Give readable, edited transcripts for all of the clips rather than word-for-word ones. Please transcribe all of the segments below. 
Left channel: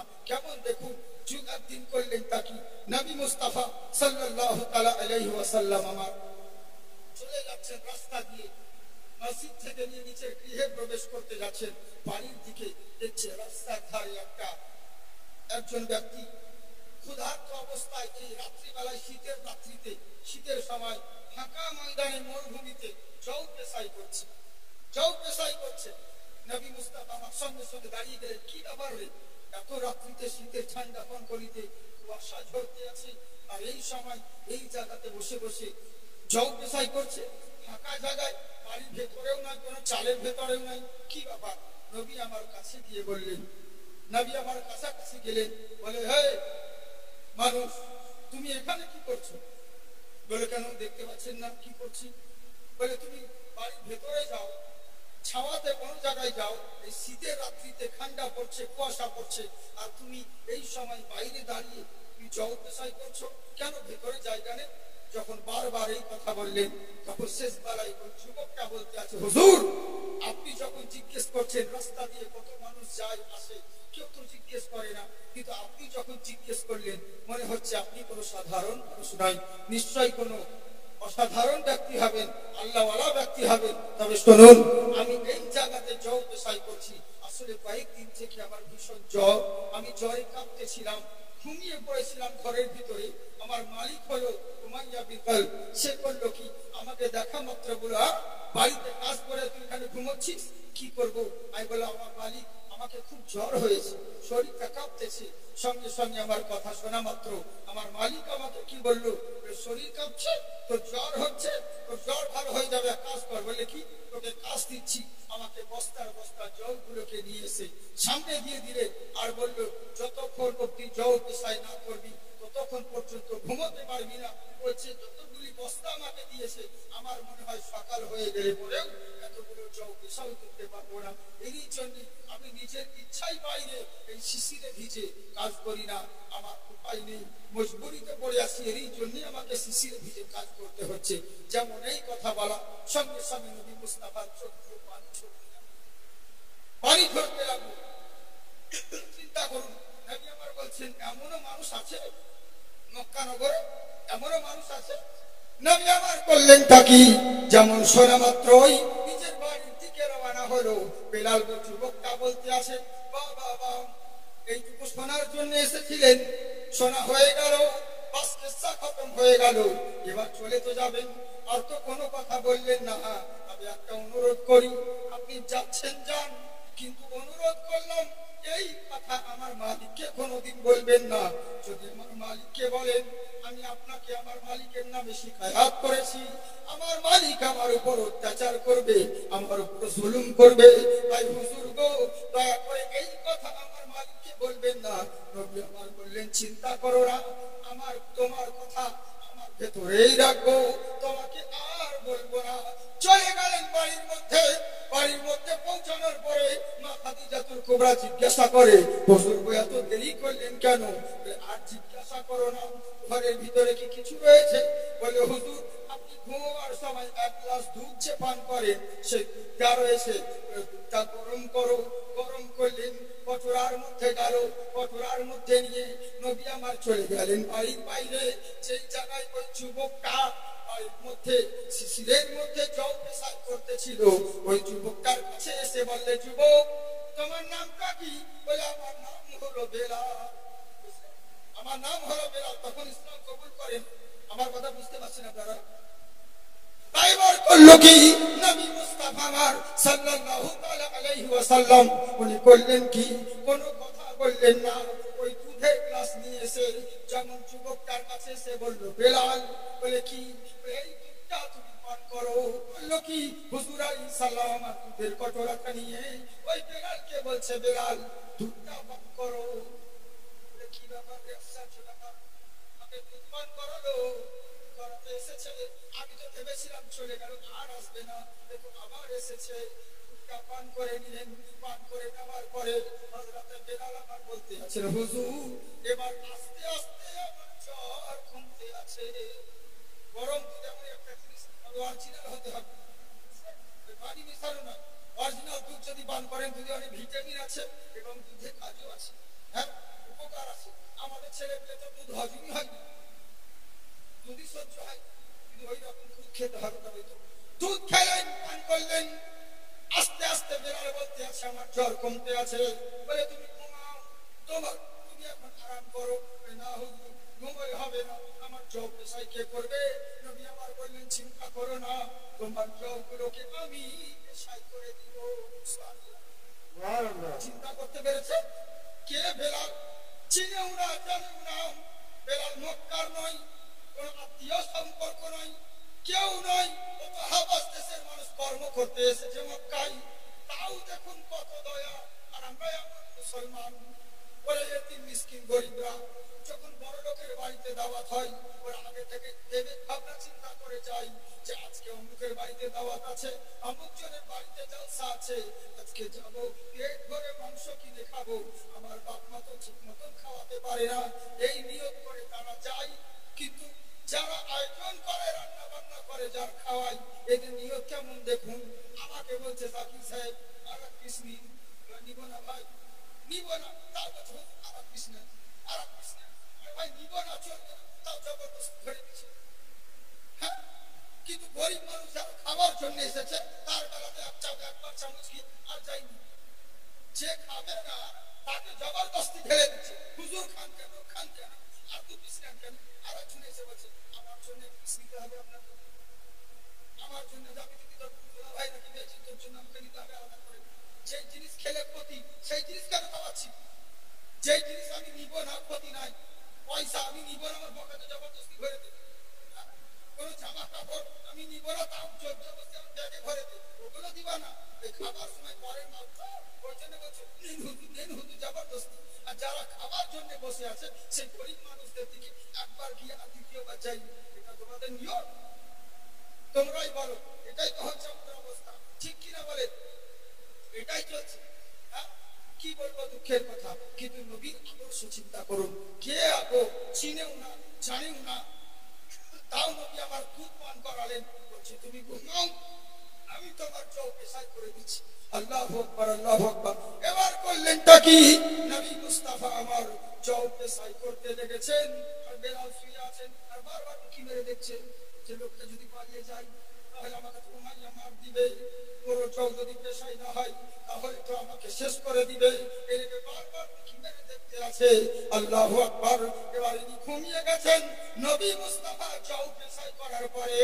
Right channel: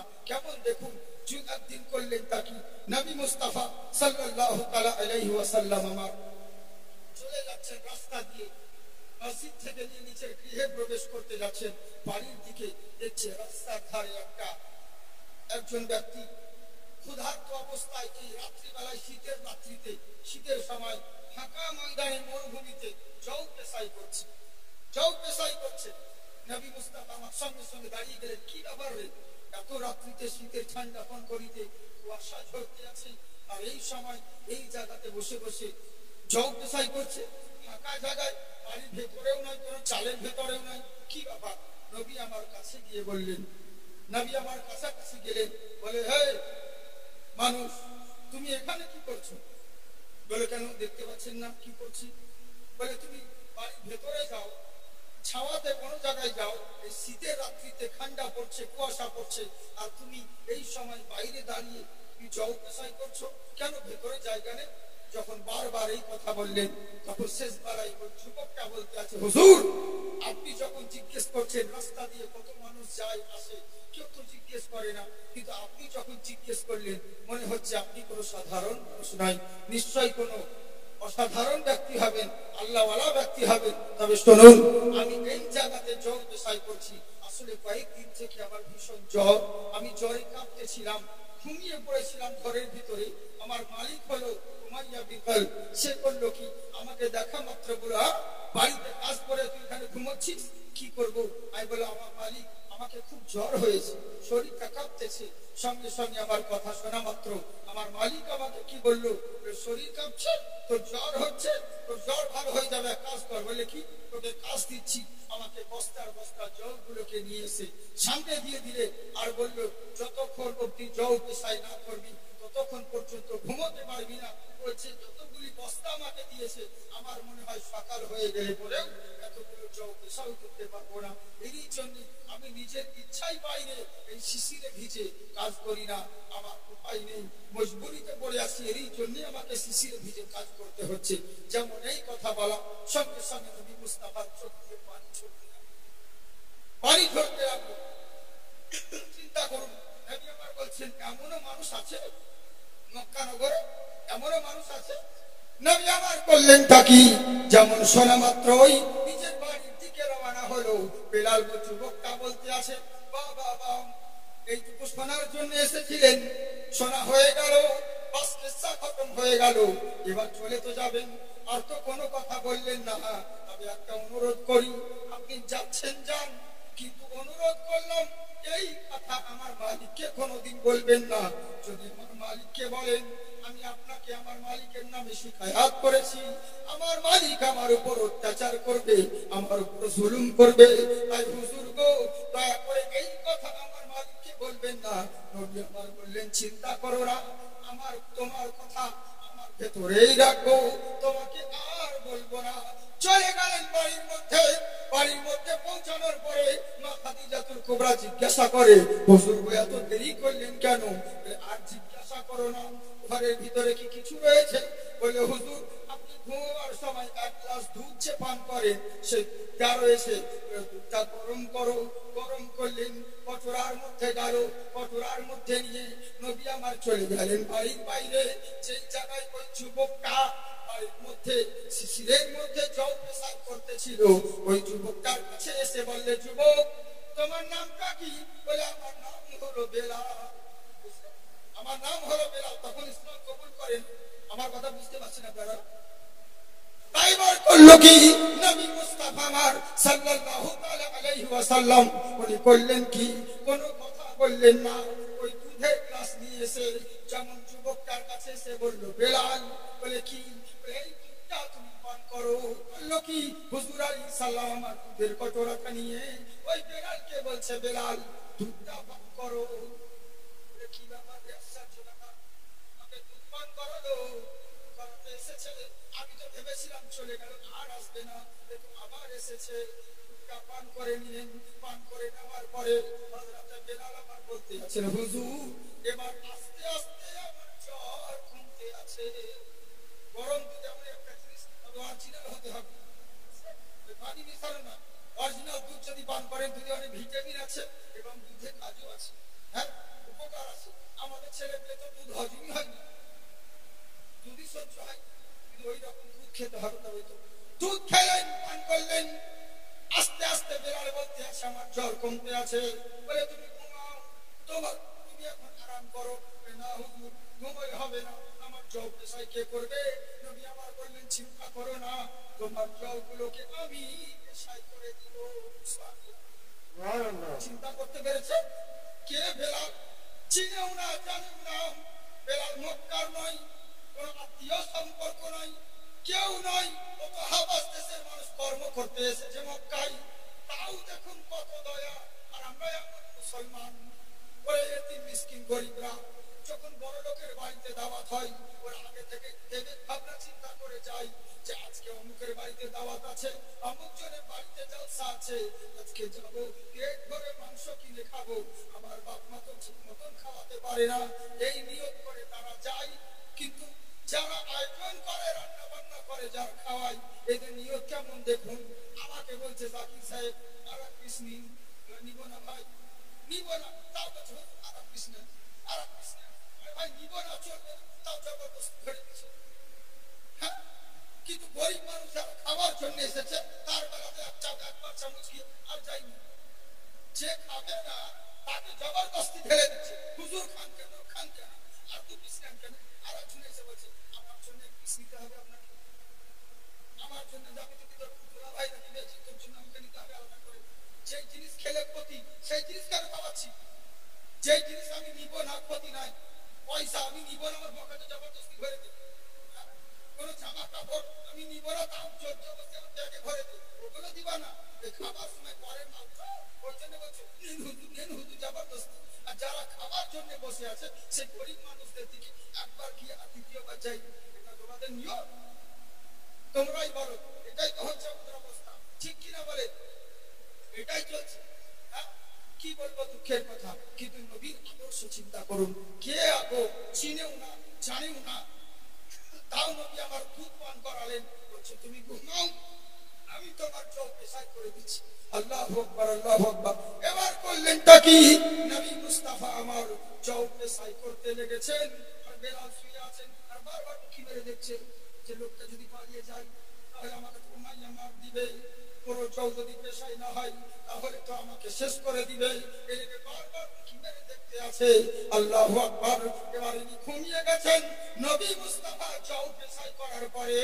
না। কেমন দেখুন, একদিন করলেন তাকি নবী মুস্তাফা সাল্লাল্লাহু তাআলা আলাইহি ওয়াসাল্লাম আমার চলে যাচ্ছেন রাস্তা দিয়ে, মসজিদ থেকে নিয়ে নিচের গৃহে প্রবেশ করতে যাচ্ছেন, বাড়ির দিকে দেখছে রাস্তার ধারে একজন ব্যক্তি ক্ষুধার্ত অবস্থায় এই রাত্রিবেলায়, শীতের রাত্রিতে, শীতের সময় ফাঁকা ময়দানে মরুভূমিতে জৌ পেশাই করছে। নবী মুস্তাফা আমার সঙ্গে সঙ্গে দাঁড়িয়ে গেলেন, কি ব্যাপার রে, এত রাত্রিতে শীতের ঠান্ডা কোন করিতে, কুয়াশা ঝরতে আছে, আর এই সময় এই জায়গাতে বসে বসে জৌ পেশাই করছে, ফাঁকা জায়গায়, বাড়ির ভেতরেও নাই, কোনো চালের ভেতরেও নাই, কি ব্যাপার? নবী আমার কাছে গিয়ে বললেন, নবী আমার কাছাকাছি গেলেন, বলে, হে মানুষ, তুমি এখানে কি করছো? বলে, কেন দেখতে পাচ্ছেন না কি করছি? বলে, তুমি বাড়ির ভেতরে যাও, ছাওয়াতে কোনো জায়গায় যাও, এই শীতের রাত্রিতে ঠান্ডা পড়ছে, কুয়াশা পড়ছে, আর তুমি এই সময় বাইরে দাঁড়িয়ে তুমি জল পেশাই করছো, কেন ভেতরে জায়গা নেই? যখন বারবার এই কথা বললেন, তখন শেষ বেলায় ওই যুবকটা বলতে আছে, হুজুর, আপনি যখন জিজ্ঞেস করছেন রাস্তা দিয়ে কত মানুষ যায় আসে, কেউ তো জিজ্ঞেস করে না, কিন্তু আপনি যখন জিজ্ঞেস করলেন, মনে হচ্ছে আপনি কোনো সাধারণ মানুষ নয়, নিশ্চয়ই কোনো অসাধারণ ব্যক্তি হবেন, আল্লাহওয়ালা ব্যক্তি হবেন। তবে শুনুন, আমি এই জায়গাতে জ্বর পেশাই করছি, আসলে কয়েকদিন থেকে আমার ভীষণ জ্বর, আমি জ্বরে কাঁপতেছিলাম, ঘুমিয়ে পড়েছিলাম ঘরের ভিতরে। আমার মালিক হলো উমাইয়া বিকল, সে করলো কি, আমাকে দেখা মাত্র বলো, বাড়িতে কাজ করে তুই এখানে ঘুমোচ্ছিস, কি করবো? আমি বললাম, আমার মালিক, আমাকে খুব জ্বর হয়েছে, শরীরটা কাঁপতেছে। সঙ্গে সঙ্গে আমার কথা শোনা মাত্র আমার মালিক আমাকে কি বললো, শরীর কাঁপছে, তোর জ্বর হচ্ছে, তোর জ্বর ভালো হয়ে যাবে, কাজ কর। বলে, কি? তোকে কাজ দিচ্ছি। আমাকে বস্তার বস্তা জলগুলোকে নিয়ে এসে সামনে দিয়ে দিলে, আর বললো, যতক্ষণ অব্দি জল পেশাই না করবি ততক্ষণ পর্যন্ত ঘুমোতে পারবি না। বলছে, যতগুলি বস্তা আমাকে দিয়েছে, আমার মনে হয় সকাল হয়ে গেলে পরেও এতগুলো জল পেশাও করতে পারবো না। এরই জন্য আমি নিজের ইচ্ছাই বাইরে এই শিশিরে ভিজে কাজ করি না, আমার উপায় নেই, মজবুরিতে পড়ে আছি, এরই জন্য আমাকে শিশিরে ভিজে কাজ করতে হচ্ছে। যেমন এই কথা বলা, সঙ্গে সঙ্গে নবী মুস্তাফার চোখ দিয়ে পানি ঝরতে লাগলো। চিন্তা করুন, নবী আমার বলছেন, এমনও মানুষ আছে মক্কা নগরে, এমনও মানুষ আছে। নবী আমার করলেন তাকি, যেমন শোনা মাত্রই নিজের বাড়ির দিকে রওনা হলো। বেলাল যুবকটা বলতে আছে, বাবা, এইটুকু শোনার জন্য এসেছিলেন, শোনা হয়ে গেল, বাস কিসসা খতম হয়ে গেল, এবার চলে তো যাবেন, আর তো কোনো কথা বললেন না। তবে একটা অনুরোধ করি, আপনি যাচ্ছেন যান, কিন্তু অনুরোধ করলাম এই কথা আমার মালিককে কোনোদিন বলবেন না। যদি আমার মালিককে বলেন, আমি আপনাকে আমার মালিকের নামে শিকায়াত করেছি, আমার মালিক আমার উপর অত্যাচার করবে, আমার উপর জুলুম করবে, তাই হুজুর গো, দয়া করে এই কথা আমার মালিককে বলবেন না। নবী আমার বললেন, চিন্তা করো না, আমার তোমার কথা আমার ভেতরেই রাখবো, তোমাকে আর বলবো না। চলে গেলেন বাড়ির মধ্যে। বাড়ির মধ্যে পৌঁছানোর পরে মা খাদিজাতুল কুবরা জিজ্ঞাসা করে, হুজুর গো, এত দেরি করলেন কেন? আর জিজ্ঞাসা করো না, ঘরের ভিতরে কি কিছু রয়েছে? বলে, হুজুর, আপনি ঘুমাবার সময় এক গ্লাস দুধ যে পান করেন, সেই দুধটা রয়েছে, দুধটা গরম করো। গরম করলেন, কটোরার মধ্যে গেল, কটোরার মধ্যে নিয়ে নবী আমার চলে গেলেন বাড়ির বাইরে, সেই জায়গায় ওই যুবকটা বাড়ির মধ্যে শিশিরের মধ্যে জল পেশাব করতেছিল। ওই যুবকটার কাছে এসে বললে, যুবক, তোমার নামটা কি? বলে, আমার নাম হলো বেলাল, আমার নাম হলো বেলাল। তখন ইসলাম কবুল করেন। আমার কথা বুঝতে পারছেন আপনারা? তাইবার করলো কি, নবী মুস্তাফা আমার সাল্লাল্লাহু তাআলা আলাইহি ওয়াসাল্লাম, উনি করলেন কি, কোনো কথা বললেন না। ওই দুধের গ্লাস নিয়ে এসে যেমন যুবকটার কাছে এসে বলল, বেলাল, বলে কি? এই দুধটা তুমি পান করো। বললো কি, হুজুর আলাইহিস সালাম আমার দুধের কটোরাটা নিয়ে ওই বেলালকে বলছে, বেলাল, দুধটা পান করো। কি ব্যাপার রে, আশ্চর্য ব্যাপার, আমাকে দুধ পান করালো, করাতে এসেছে, আমি তো ভেবেছিলাম চলে গেল, আর আসবে না, দেখো আবার এসেছে। দুধটা পান করে নিলেন। পান করে নেওয়ার পরে হযরত বেলাল আমার বলতে আছেন, হুজুর, এবার আস্তে আস্তে আমার জ্বর কমতে আছে। গরম দুধ এমন একটা জিনিস, তবে অরিজিনাল হতে হবে, পানি মিশানো না। অরিজিনাল দুধ যদি পান করেন, দুধে অনেক ভিটামিন আছে এবং দুধে কাজও আছে। হ্যাঁ, খেতে হবে তবে তো। দুধ খেলেন, পান করলেন। আস্তে আস্তে বেলাল বলতে আছে আমার জ্বর কমতে আছে। বলে তুমি ঘুমাও, তুমি এখন আরাম করো। না হুজুর, ঘুমোলে হবে না, আমার জব পেশাই কে করবে? নবী আমার বললেন চিন্তা করো না, তোমার জবগুলোকে আমি পেশাই করে দিব। চিন্তা করতে পেরেছে কে? বেলাল। চিনেও না, জানেও না। বেলাল মক্কার নয়, কোন আত্মীয় সম্পর্ক নয়, কেউ নয়। কত হাবাস দেশের মানুষ কর্ম করতে এসেছে মক্কায়, তাও দেখুন কত দয়া। আর আমরা এমন মুসলমান, ওরে এতিম মিসকিন গরিবরা যখন বড় লোকের বাড়িতে দাওয়াত হয়, ওরা আগে থেকে ভেবে ভাবনা চিন্তা করে যায় যে আজকে অমুকের বাড়িতে দাওয়াত আছে, অমুক জনের বাড়িতে জলসা আছে, আজকে যাব, পেট ভরে মাংস কিনে খাবো। আমার বাপ মা তো ঠিক মতন খাওয়াতে পারে না, এই নিয়ত করে তারা যায়। কিন্তু যারা আয়োজন করে, রান্না বান্না করে, যারা খাওয়ায়, এদের নিয়ত কেমন দেখুন। আমাকে বলছে জাকির সাহেব আর এক পিস নিন। নিব না ভাই, নিব না। তাও বলছে আর এক পিস নেন, আর এক পিস নেন। ভাই নিব না, চলবে না, তাও জবরদস্ত করে দিচ্ছে। হ্যাঁ, কিন্তু গরিব মানুষ যারা খাওয়ার জন্য এসেছে, তার বেলাতে একবার চামচ খেয়ে আর যায়নি। যে খাবে না তাকে জবরদস্তি ঢেলে দিচ্ছে। হুজুর খান কেন, খান কেন, আর দু পিস নেন কেন? আর একজন এসে বলছে আমার জন্য এক পিস নিতে হবে আপনাকে, আমার জন্য যাবে যদি তোর ভাই নাকি বেশি, তোর জন্য আমাকে নিতে হবে আলাদা করে। যেই জিনিস খেলে ক্ষতি, সেই জিনিস কেন খাওয়াচ্ছি? যেই জিনিস আমি নিব না, ক্ষতি নাই, পয়সা আমি নিব না, আমার পকেটে জবরদস্তি ভরে দেবে। কোন জামা কাপড় আমি নিব না, তাও জোর জবরদস্তি আমার ব্যাগে ভরে দেবে, ওগুলো দিবা না। এই খাবার সময় পরের মাল তো, ওই জন্য বলছো নেন হুজুর জবরদস্তি। আর যারা খাবার জন্য বসে আছে, সেই গরিব মানুষদের দিকে একবার গিয়ে আর দ্বিতীয়বার যাই, এটা তোমাদের নিয়ম, তোমরাই বলো। এটাই তো হচ্ছে আমাদের অবস্থা, ঠিক কিনা বলে? এটাই চলছে। হ্যাঁ, কি বলবো, দুঃখের কথা। কিন্তু নবীর আদর্শ চিন্তা করুন, কে আগো চিনেও না, জানেও না, তাও নবী আমার দুধ পান করালেন। বলছে তুমি ঘুমাও, আমি তোমার জব পেশাই করে দিচ্ছি। আল্লাহু আকবার, আল্লাহু আকবার। এবার করলেনটা কি? নবী মুস্তাফা আমার জব পেশাই করতে লেগেছেন, আর বেলাল শুয়ে আছেন, আর বারবার উঁকি মেরে দেখছেন যে লোকটা যদি পালিয়ে যায় তাহলে আমাকে তো মাইয়া মার দিবে, পুরো জব যদি পেশাই না হয় তাহলে তো আমাকে শেষ করে দিবে। এদিকে বারবার উঁকি মেরে দেখতে আছে। আল্লাহু আকবার। এবার ইনি ঘুমিয়ে গেছেন। নবী মুস্তাফা জব পেশাই করার পরে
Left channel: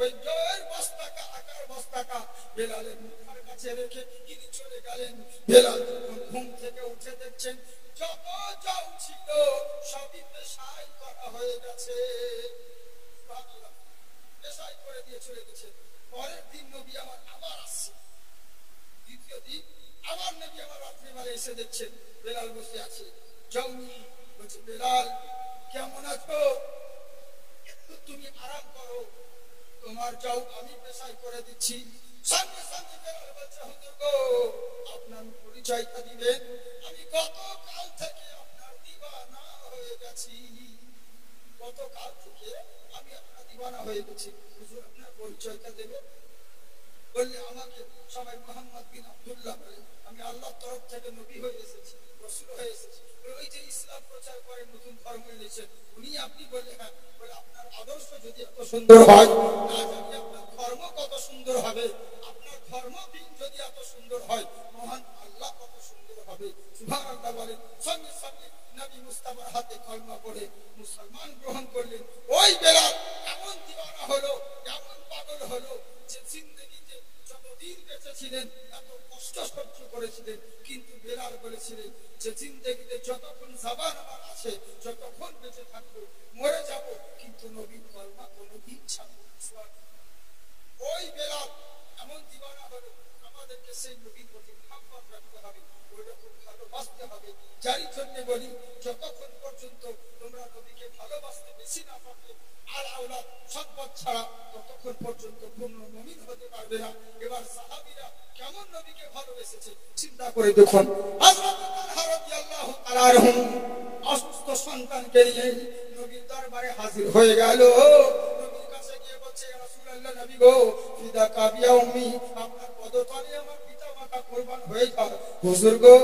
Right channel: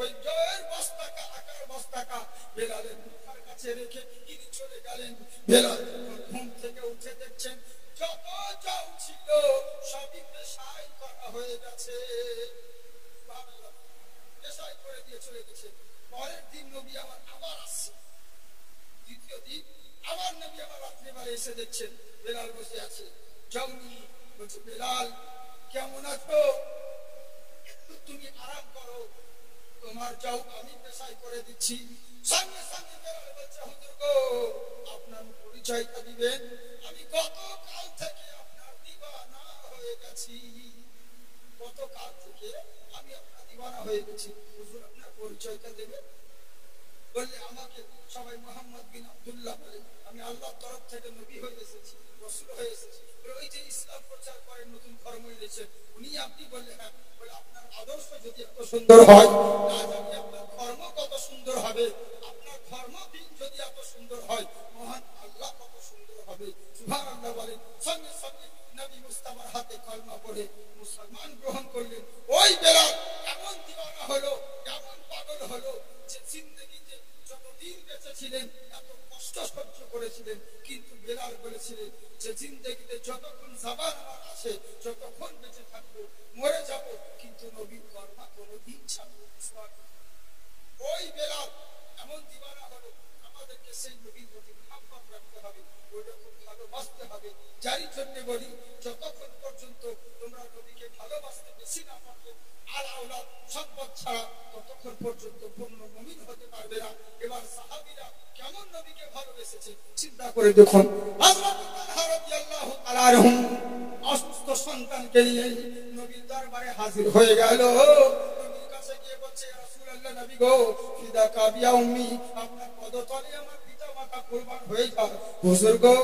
ওই জয়ের বস্তাটা, আকার বস্তাটা বেলালের মাথার কাছে রেখে ইনি চলে গেলেন। বেলাল যখন ঘুম থেকে উঠে দেখছেন যত জব ছিল সবই পেশাই করা হয়ে গেছে। পেশাই করে দিয়ে চলে গেছে। পরের দিন নবী আমার আবার আসছে, দ্বিতীয় দিন আবার নবী আমার রাত্রিবেলা এসে দেখছেন বেলাল বসে আছে। যাওনি, বলছে বেলাল কেমন আছো? তুমি আরাম করো, তোমার যাও আমি পেশাই করে দিচ্ছি। সঙ্গে সঙ্গে বেলাল বলছে হুজুর গো, আপনার পরিচয়টা দিবেন। আমি গতকাল থেকে আপনার দিওয়ানা হয়ে গেছি, গতকাল থেকে আমি আপনার দিওয়ানা হয়ে গেছি। হুজুর আপনার পরিচয়টা দেবেন? বললে আমাকে সবাই মোহাম্মদ বিন আব্দুল্লাহ বলে, আমি আল্লাহর তরফ থেকে নবী হয়ে এসেছি, রাসূল হয়ে এসেছি। ওই যে ইসলাম প্রচার করে নতুন ধর্ম এনেছেন উনি আপনি? বললে হ্যাঁ। বলে আপনার আদর্শ যদি এত সুন্দর হয়, না জানি আপনার ধর্ম কত সুন্দর হবে। আপনার ধর্ম দিন যদি এত সুন্দর হয়, মহান আল্লাহ কত সুন্দর হবে। সুবহানাল্লাহ বলে। সঙ্গে সঙ্গে নবী মুস্তাফার হাতে কলমা পড়ে মুসলমান গ্রহণ করলেন। ওই বেলাল এমন দিওয়ানা হলো, এমন পাগল হলো যে জিন্দেগিতে যতদিন বেঁচে ছিলেন এত কষ্ট সহ্য করেছিলেন, কিন্তু বেলাল বলেছিলেন যে জিন্দেগিতে যতক্ষণ জাবান আমার আছে, যতক্ষণ বেঁচে থাকবো, মরে যাব, কিন্তু নবীর কলমা কোনোদিন ছাড়বো না। ওই বেলাল এমন দিওয়ানা হলো। আমাদেরকে সেই নবীর প্রতি মহব্বত রাখতে হবে, ওইরকম ভালোবাসতে হবে। যারই জন্য বলি, যতক্ষণ পর্যন্ত তোমরা নবীকে ভালোবাসতে বেশি না পারবে, আর আওলাদ সম্পদ ছাড়া, ততক্ষণ পর্যন্ত পূর্ণ মুমিন হতে পারবে না। এবার সাহাবীরা কেমন নবীকে ভালোবেসেছে চিন্তা করে দেখুন। হযরত তালহা রাদিয়াল্লাহু তাআলা আনহু অসুস্থ সন্তানকে নিয়ে নবীর দরবারে হাজির হয়ে গেল। নবীর কাছে গিয়ে বলছে ইয়া রাসূলুল্লাহ, নবী গো, ফিদা কাবিয়া উম্মি, আপনার পদতলে আমার পিতা মাতা বাচ্চাটা কোরবান হয়ে যায়। হুজুর গো,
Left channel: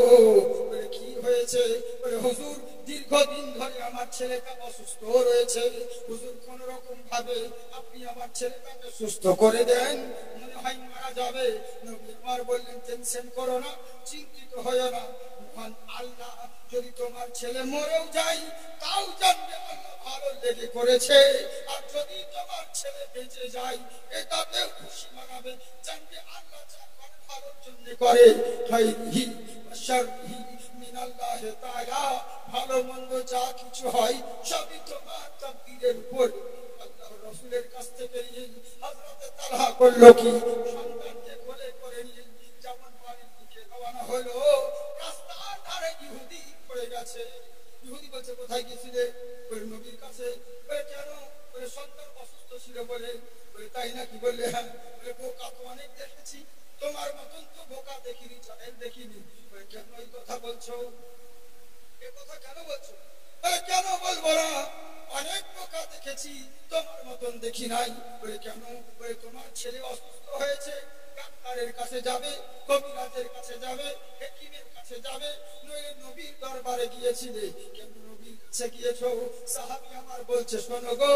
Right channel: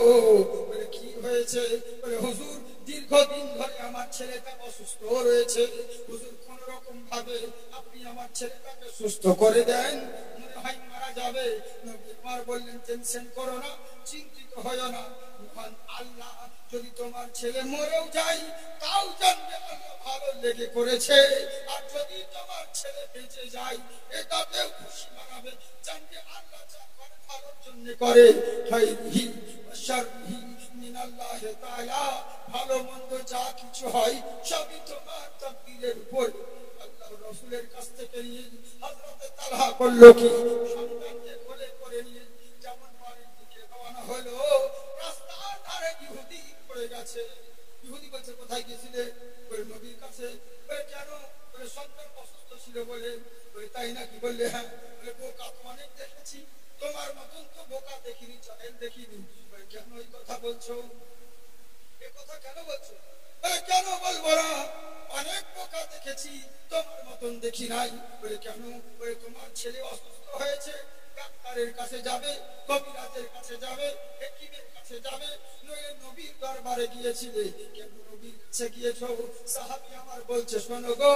বলে কি হয়েছে? বলে হুজুর, দীর্ঘদিন ধরে আমার ছেলেটা অসুস্থ রয়েছে। হুজুর, কোন রকম ভাবে আপনি আমার ছেলেটাকে সুস্থ করে দেন, মনে হয় মারা যাবে। নবী আমার বললেন, টেনশন করো না, চিন্তিত হয়ো না, মহান আল্লাহ যদি তোমার ছেলে মরেও যায় তাও জানবে আল্লাহ ভালো লেগে করেছে, আর যদি তোমার ছেলে বেঁচে যায় এটাতেও খুশি মানাবে, জানবে আল্লাহ যা করে ভালোর জন্য করে। খাইরিহি ওয়া শাররিহি মিনাল্লাহি তাআলা, ভালো মন্দ যা কিছু হয় সবই তোমার তাকদীরের উপর। আল্লাহর রাসূলের কাছ থেকে নিয়ে হযরত তালহা করলো কি, সন্তানকে কোলে করে নিয়ে যেমন বাড়ির দিকে রওনা হলো, রাস্তার ধারে ইহুদি পড়ে গেছে। ইহুদি বলছে, কোথায় গিয়েছিলে? বলে নবীর কাছে। বলে কেন? বলে সন্তান অসুস্থ ছিল বলে। বলে তাই নাকি? বললে হ্যাঁ। বলে বোকা তো অনেক দেখেছি, তোমার মতন তো বোকা দেখিনি, জাহেল দেখিনি। বলে কেন এই কথা বলছো? এ কথা কেন বলছো? বলে কেন বলবো না, অনেক বোকা দেখেছি, তোমার মতন দেখি নাই। বলে কেন? বলে তোমার ছেলে অসুস্থ হয়েছে, ডাক্তারের কাছে যাবে, কবিরাজের কাছে যাবে, হেকিমের কাছে যাবে, নইলে নবীর দরবারে গিয়েছিলে, কেন নবীর কাছে গিয়েছো? সাহাবী আমার বলছে, শোনো গো,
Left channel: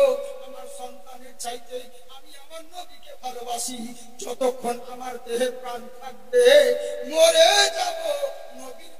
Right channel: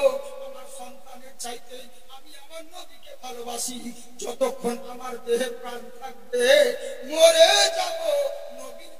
আমার সন্তানের চাইতে আমি আমার নবীকে ভালোবাসি, যতক্ষণ আমার দেহে প্রাণ থাকবে মরে যাব নবীর